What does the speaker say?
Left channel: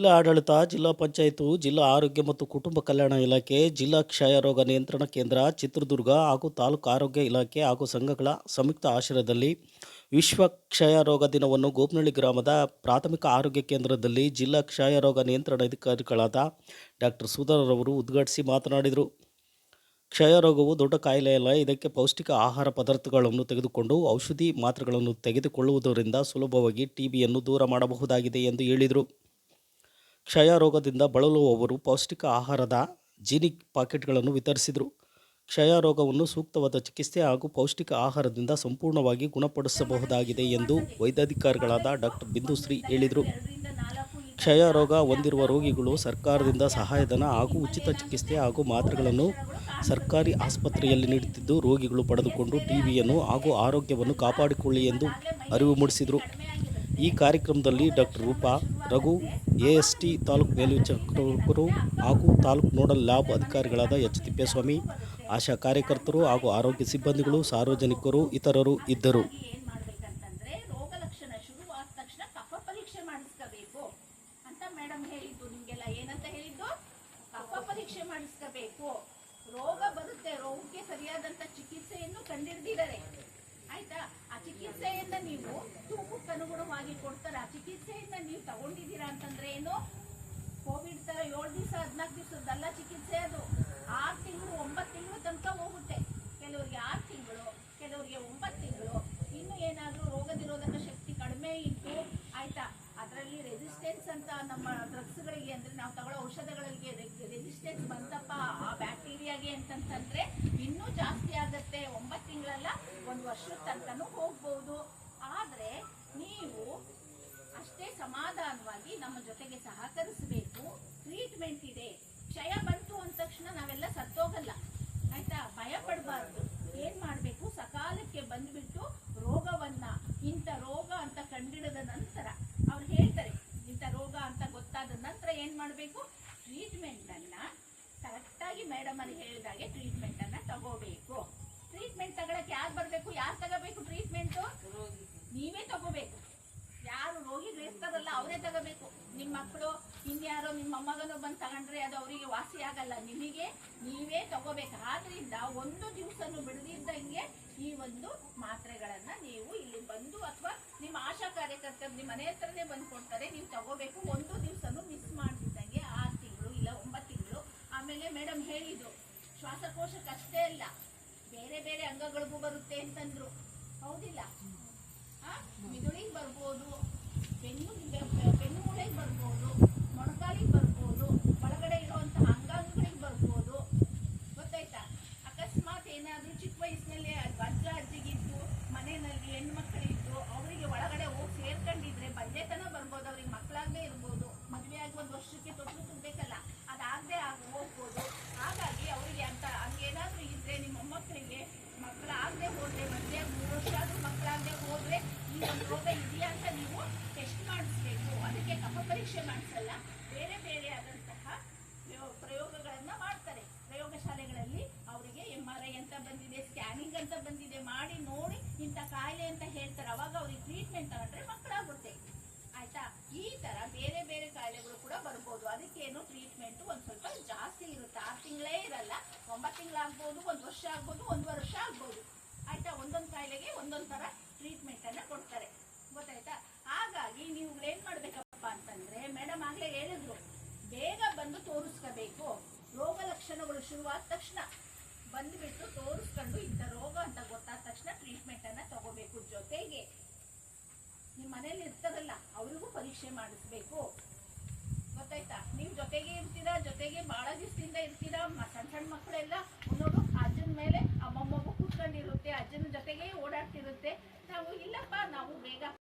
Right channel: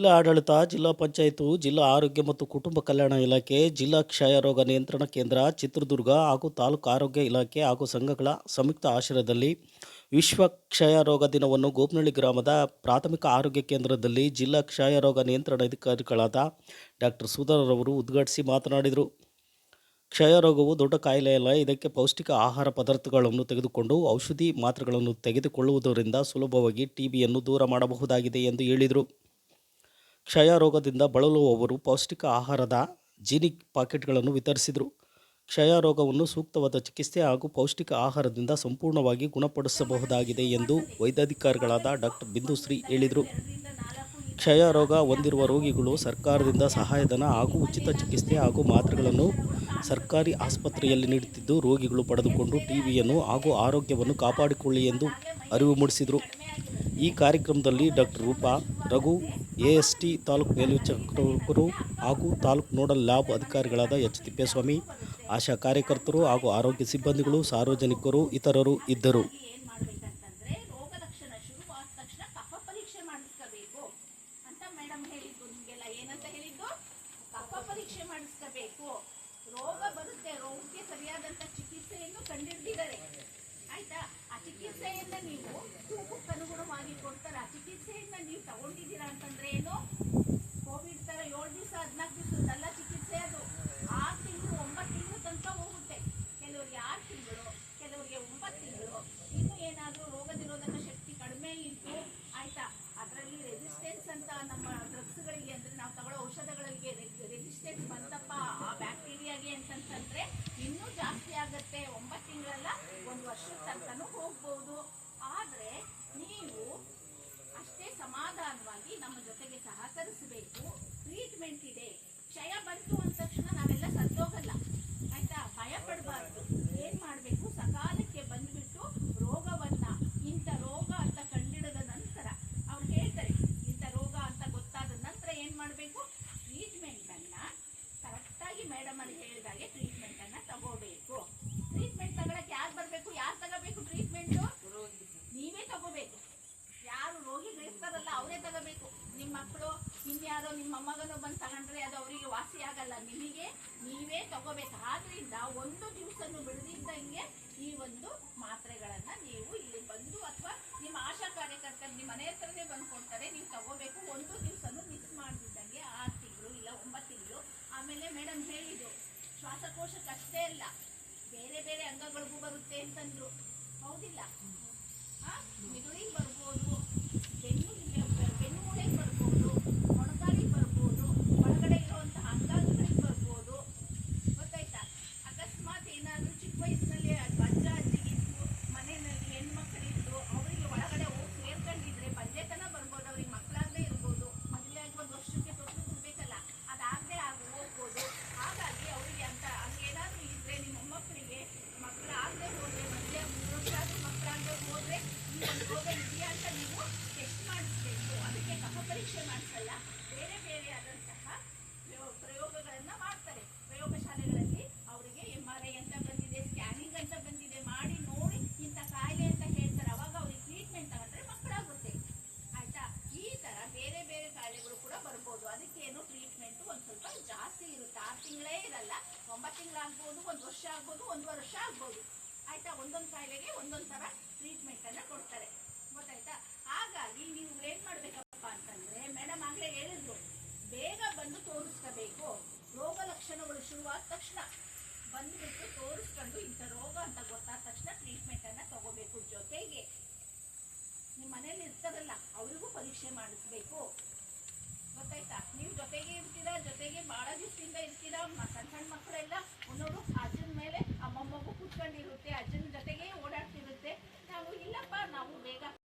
ಜಿಲ್ಲಾ ಆಡಳಿತ, ಜಿಲ್ಲಾ ಪಂಚಾಯತ್, ಜಿಲ್ಲಾ ಆರೋಗ್ಯ ಮತ್ತು ಕುಟುಂಬ ಕಲ್ಯಾಣ ಇಲಾಖೆ, ಜಿಲ್ಲಾ ಕ್ಷಯರೋಗ ನಿಯಂತ್ರಣ ಕೇಂದ್ರ ಚಿತ್ರದುರ್ಗ ಹಾಗೂ ತಾಲೂಕು ಆರೋಗ್ಯ ಇಲಾಖೆ ಹಾಗೂ ಸಂಘಗಳ ಸಂಯುಕ್ತ ಆಶ್ರಯದಲ್ಲಿ ವಿಶ್ವ ಕ್ಷಯರೋಗ ದಿನವನ್ನು ಗೋಪನಹಳ್ಳಿ ಗ್ರಾಮದ ಪ್ರಾಥಮಿಕ ಆರೋಗ್ಯ ಕೇಂದ್ರದಲ್ಲಿ ಜಿಲ್ಲಾ ಕ್ಷಯರೋಗ ನಿಯಂತ್ರಣಾಧಿಕಾರಿಗಳಾದ ಡಾಕ್ಟರ್ ಸುಧಾರವರು ಉದ್ಘಾಟಿಸಿ ಮಾತನಾಡಿದರು. ಕ್ಷಯರೋಗವು ದೊಡ್ಡ ಕಾಯಿಲೆಯಲ್ಲ. ಇದಕ್ಕೆ ಪೌಷ್ಟಿಕ ಆಹಾರ ಪದಾರ್ಥಗಳನ್ನು ತೆಗೆದುಕೊಂಡು ಔಷಧಿ ಮಾತ್ರೆಗಳನ್ನು ತೆಗೆದುಕೊಳ್ಳುವುದರಿಂದ ಸುಲಭವಾಗಿ ಟಿಬಿಯನ್ನು ದೂರ ಮಾಡಬಹುದಾಗಿದೆ ಎಂದು ಹೇಳಿದರು. ಕ್ಷಯರೋಗದಿಂದ ಬಳಲುವವರು ಪೌಷ್ಟಿಕ ಆಹಾರದ ಜೀನಿಕ್ ಪಾಕೆಟ್ಗಳನ್ನು ವಿತರಿಸಿದರು. ಕ್ಷಯರೋಗವನ್ನು ಸೂಕ್ತವಾದ ಚಿಕಿತ್ಸೆ ಹಾಗೂ ಪೌಷ್ಟಿಕ ಆಹಾರದಿಂದ ಸಂಪೂರ್ಣವಾಗಿ ಗುಣಪಡಿಸಬಹುದಾಗಿದೆ ಎಂದು ವೈದ್ಯಾಧಿಕಾರಿಗಳಾದ ಡಾಕ್ಟರ್ ಬಿಂದುಶ್ರೀ ಹೇಳಿದರು. ಕ್ಷಯರೋಗ ಹೊಂದಿರುವ ರೋಗಿಗಳು ಸರ್ಕಾರದಿಂದ ಸಹಾಯಧನ ಹಾಗೂ ಉಚಿತ ಚಿಕಿತ್ಸೆ ಹಾಗೂ ಮಾತ್ರೆಗಳನ್ನು ಸರ್ಕಾರಿ ಆಸ್ಪತ್ರೆಯಲ್ಲಿ ನೀಡುತ್ತಿದ್ದು, ರೋಗಿಗಳು ಪಡೆದುಕೊಂಡು ಟಿಬಿಯನ್ನು ಹಾಗೂ ಆರೋಗ್ಯವನ್ನು ಕಾಪಾಡಿಕೊಳ್ಳಿ ಎಂದು ಅರಿವು ಮೂಡಿಸಿದರು. ಈ ಕಾರ್ಯಕ್ರಮದಲ್ಲಿ ಡಾಕ್ಟರ್ ರೂಪಾ, ರಘು, ಎಎಸ್ಟಿ ತಾಲೂಕು ಮೇಲ್ವಿಚಾರಕರು ಹಾಗೂ ತಾಲೂಕು ನೋಡಲ್ ಲ್ಯಾಬ್ ಅಧಿಕಾರಿಗಳಾದ ಎಚ್ ತಿಪ್ಪೇಸ್ವಾಮಿ, ಆಶಾ ಕಾರ್ಯಕರ್ತರು ಹಾಗೂ ಆರೋಗ್ಯ ಸಿಬ್ಬಂದಿಗಳು, ಸಾರ್ವಜನಿಕರು ಇತರರು ಇದ್ದರು. ರೋಗ ಬರುತ್ತೆ, ರೋಗಕ್ಕೆ ಸರಿಯಾದಂತ ಚಿಕಿತ್ಸೆಯನ್ನು ಕಂಡಿಡಿದಿದ್ದಾರೆ. ಆಯ್ತಾ? ಆ ಚಿಕಿತ್ಸೆಯನ್ನ ನೀವು ತೂಕಕ್ಕೆ ಅನುಗುಣವಾಗಿ ಕೊಡ್ತಾರೆ. ಆ ಚಿಕಿತ್ಸೆಯನ್ನ ನೀವು ತಗೊಂಡಿದ್ದೀರಾ ಅಂತಂದ್ರೆ ಏನು, ಕೋವಿಡ್ ತರ 7 ದಿವಸ 14 ದಿವಸದಲ್ಲ ಚಿಕಿತ್ಸೆ. ಅದು 6 ತಿಂಗಳು 9 ತಿಂಗಳು ತನಕ ಹೋಗುತ್ತೆ. ಕೆಲವರಿಗೆ 6 ತಿಂಗಳು, ಕೆಲವರಿಗೆ 9 ತಿಂಗಳು. ಇನ್ನು ಏನಾದ್ರೂ ರೋಗ ನಿರೋಧಕ ಶಕ್ತಿ ಕಡಿಮೆ ಇದ್ದು, ಆಯ್ತಾ, ಅದರಲ್ಲಿ ರೆಸಿಸ್ಟೆನ್ಸ್ ಅಂತ ನಮ್ಮ ಡ್ರಗ್ಸ್ಗಳಿಗೆ ಅಂದ್ರೆ ನಾವು ತಗೊಳ್ಳೋ ಔಷಧಗಳಿಗೆ ರೆಸಿಸ್ಟೆನ್ಸ್ ಬಂತಪ್ಪ ಆ ಬ್ಯಾಕ್ಟೀರಿಯಾಗೆ ಅಂತಂದ್ರೆ ಇನ್ನೂ ಜಾಸ್ತಿ ಆಗತ್ತೆ. 9 ತಿಂಗಳಲ್ಲ, 1 ವರ್ಷದ ತನಕನೂ ಹೋಗ್ಬಹುದು. ಆದ್ರೆ ನೀವು ಅಷ್ಟೇ ಸಮಾಧಾನವಾಗಿ ನಮ್ಮ ಜೊತೆಗೆ ಸಹಕರಿಸಬೇಕು. ಟ್ರೀಟ್ಮೆಂಟ್ ಇದೆ. ಕ್ಷಯ ಬಂತು ಅಂದ ತಕ್ಷಣ ನಾವೆಲ್ಲ ಸತ್ತೋಗಲ್ಲ. ಆಯ್ತಾ? ಭಯ ಪಡಬಾರ್ದು. ಏನ್ ಮಾಡ್ಬೇಕು, ಸಕಾಲಕ್ಕೆ ಬಂದ್ಬಿಟ್ಟು ರೋಗವನ್ನ, ಇಂಥ ರೋಗ ಅಂತ ಕಂಡಿಡಿದ ನಂತರ ಅವ್ರು ಹೇಳ್ತಾರೆ, ಇಂಥ ರೋಗ ಅಂತ ಗೊತ್ತಾದ ನಂತರ ಏನ್ ಮಾಡ್ಬೇಕು, ಟ್ರೀಟ್ಮೆಂಟ್ ಅನ್ನ ಕರೆಕ್ಟಾಗಿ ಮೇಡಮ್ ಅಲ್ಲಿ ಹೇಳಿದಾಗೆ ಟ್ರೀಟ್ಮೆಂಟ್ ಅನ್ನ ತಗೋಬೇಕು. ಟ್ರೀಟ್ಮೆಂಟ್ ತಗೊಳಕ್ಕೆ ಯಾರು ಬರ್ಬೇಕು, ಯಾರು ತಗೋಬೇಕು ಟ್ರೀಟ್ಮೆಂಟ್? ನೀವೇ ತಗೋಬೇಕು. ಯಾರು ರೋಗಿಗಳು ಇರ್ತಾರಲ್ಲ ಅವರೇ ತಗೋಬೇಕು. ನಿಮ್ಮ ಮಕ್ಕಳು ಇನ್ಯಾರೋ ನಿಮ್ಮ ಮೊಮ್ಮಗನು ಬಂದು ತಗೊಂಡ್ರೆ ಅದು ಅವರಿಗೆ ವಾಸಿ ಆಗಲ್ಲ. ನಿಮಗೆ ನೀವೇ ತಗೋಬೇಕು. ಆದ್ರಿಂದ 1 ದಿವಸನೂ ಬಿಡದಿದ್ದಂಗೆ ಈ ಒಂದು ಮಾತ್ರೆಗಳನ್ನ ನೀವು ಇಲ್ಲಿ ಬಂದು ಅಥವಾ ನಿಮ್ಮ ಆಶಾ ಕಾರ್ಯಕರ್ತರು ನಿಮ್ಮ ಮನೆ ಹತ್ರನೇ ಬಂದು ಕೊಡ್ತಾರೆ, ನೀವು ತಗೋಬೇಕು. 1 ದಿವಸನೂ ಮಿಸ್ ಮಾಡ್ತಿದ್ದಂಗೆ 6 ತಿಂಗಳು ಇಲ್ಲ 9 ತಿಂಗಳು. ಆಮೇಲೆ ಮೇಡಮ್ ಹೇಳಿದ್ರು, ಶ್ವಾಸಕೋಶಕ್ಕಷ್ಟೇ ಅಲ್ಲ, ಬೇರೆ ಬೇರೆ ಅಂಗಗಳಿಗೂ ಬರುತ್ತೆ ಅಂತಂದ್ರು. ಹೌದಿಲ್ಲ? ಮಿದುಳಿಗೆ ಬರ್ಬೋದು, ಬೆನ್ನು ಮೂಳೆಗೆ ಬರ್ಬೋದು, ಮೊಣಕಾಲಿಗೆ ಬರ್ಬೋದು, ಒಳಗಡೆ ಇರುವಂತಹ ಅಂಗಾಂಗಗಳಿಗೆ ಬರ್ಬೋದು. ಗೊತ್ತಾಯ್ತಾ? ಅಕಸ್ಮಾತ್ ಏನಾದ್ರೂ ಚಿಕ್ಕ ವಯಸ್ಸಿನಲ್ಲಿ ಅಜ್ಜ ಅಜ್ಜಿಗಿದ್ದು ಮನೆಯಲ್ಲಿ ಹೆಣ್ಮಕ್ಳಿದ್ದು ಅವರಿಗೆ ಒಳಗಡೆ ಹೋಗಿ ಸೇರ್ಕೊಂಡಿದ್ರೆ ಬಂಜೆತನ ಬರ್ಬೋದು. ಅವ್ರಿಗೆ ಮಕ್ಕಳಾಗದೆ ಇರ್ಬೋದು. ಮದುವೆ ಆಗಿ 1 ವರ್ಷಕ್ಕೆ ತೊಟ್ಟು ಕೊಡ್ಬೇಕಲ್ಲ, ಅದಾಗದೆ ಹೋಗ್ಬೋದು. ಹಾಗಾಗಿ ಅವರಿಗೆ ಅಂತ ಹಂಗೇನಾದ್ರೂ ಇದ್ರೆ, ನಿಮ್ಮ ಮೊಮ್ಮಕ್ಕಳಿಗೆ ಮಕ್ಕಳಾಗದೆ ಹೋದ್ರೆ, ಮದುವೆ 3 ವರ್ಷ ಆದ್ರೂ ಮಕ್ಕಳಾಗದೆ ಹೋದ್ರೆ ಈ ಒಂದು ರೋಗ ಇದೆಯಾ ಅಂತ ನೀವು ಟೆಸ್ಟ್ ಮಾಡಿಸ್ಬೇಕು. ಅದಕ್ಕೆ ಕಫ ಪರೀಕ್ಷೆ ಮಾಡಿಸಲ್ಲ, ಬೇರೆ ಬೇರೆ ಆದಂತಹ ಪ್ರಯೋಗಗಳನ್ನ ಮಾಡ್ತಾರೆ. ಪ್ರಯೋಗಶಾಲೆಗಳಲ್ಲಿ ಅವರಿಗೆ MRI ಅಂತ ಬಂದಿದೆ, ಸ್ಕ್ಯಾನಿಂಗ್ ಅಂತ ಬಂದಿದೆ, ಮಾಡಿ ನೋಡಿ ಇಂಥ ಕಾಯಿಲೆ ಅಂತ ಹೇಳ್ತಾರೆ. ಅವಾಗ ಅವ್ರಿಗೆ ಟ್ರೀಟ್ಮೆಂಟ್ ತಗೊಂಡ್ರೆ ಮಕ್ಕಳಾಗುತ್ತೆ. ಆಯ್ತಾ? ಈ ತರ ಬೇರೆ ಬೇರೆ ಕಾಯಿಲೆಗಳು ಕೂಡ ಬರ್ಬೋದು. ಅದಕ್ಕೇನು ಟ್ರೀಟ್ಮೆಂಟ್ ಒಂದ್ ಸ್ವಲ್ಪ ಜಾಸ್ತಿ ಇರುತ್ತೆ. 6 ತಿಂಗಳೇ ಇರಲ್ಲ, 9 ತಿಂಗಳಾಗ್ಬೋದು, 1 ವರ್ಷ ಆಗ್ಬೋದು, 1 ವರ್ಷ ಆಗ್ಬೋದು. ಆಯ್ತಾ? ಒಂದೊಂದು ಕಾಯಿಲೆಗೆ ಒಂದೊಂದು ತರ ಟ್ರೀಟ್ಮೆಂಟ್ ಅನ್ನ ಕೊಡ್ತಾರೆ. ಗೊತ್ತಾಯ್ತಾ? ಹಾಗಾಗಿ ನೀವು ಏನ್ ಮಾಡ್ಬೇಕಪ್ಪ ಅಂತಂದ್ರೆ, ಮೇಡಮ್ ಆಗ್ಲೇ ಹೇಳಿದ್ರು, ಬೇಗ ಬಂದು ತೋರಿಸ್ಕೋಬೇಕು. ರೋಗ ಲಕ್ಷಣಗಳು ಶುರುವಾದ ತಕ್ಷಣ ಬಂದ್ಬಿಟ್ಟು ತೋರಿಸ್ಕೊಂಡು ಇಂಥ ರೋಗ ಅಂತ ಗೊತ್ತಾದ ತಕ್ಷಣ ಟ್ರೀಟ್ಮೆಂಟ್ ಅನ್ನ ತಗೋಬೇಕು. ಜೊತೆಗೆ ನಿಮ್ಮ ಮನೇಲಿ ಇರ್ತಾರಲ್ಲ ಅವರಿಗೂ ಪರೀಕ್ಷೆ ಮಾಡಿಸ್ಬೇಕು. ಗೊತ್ತಾಯ್ತಾ? ನೀವು ಜೊತೆಗೆ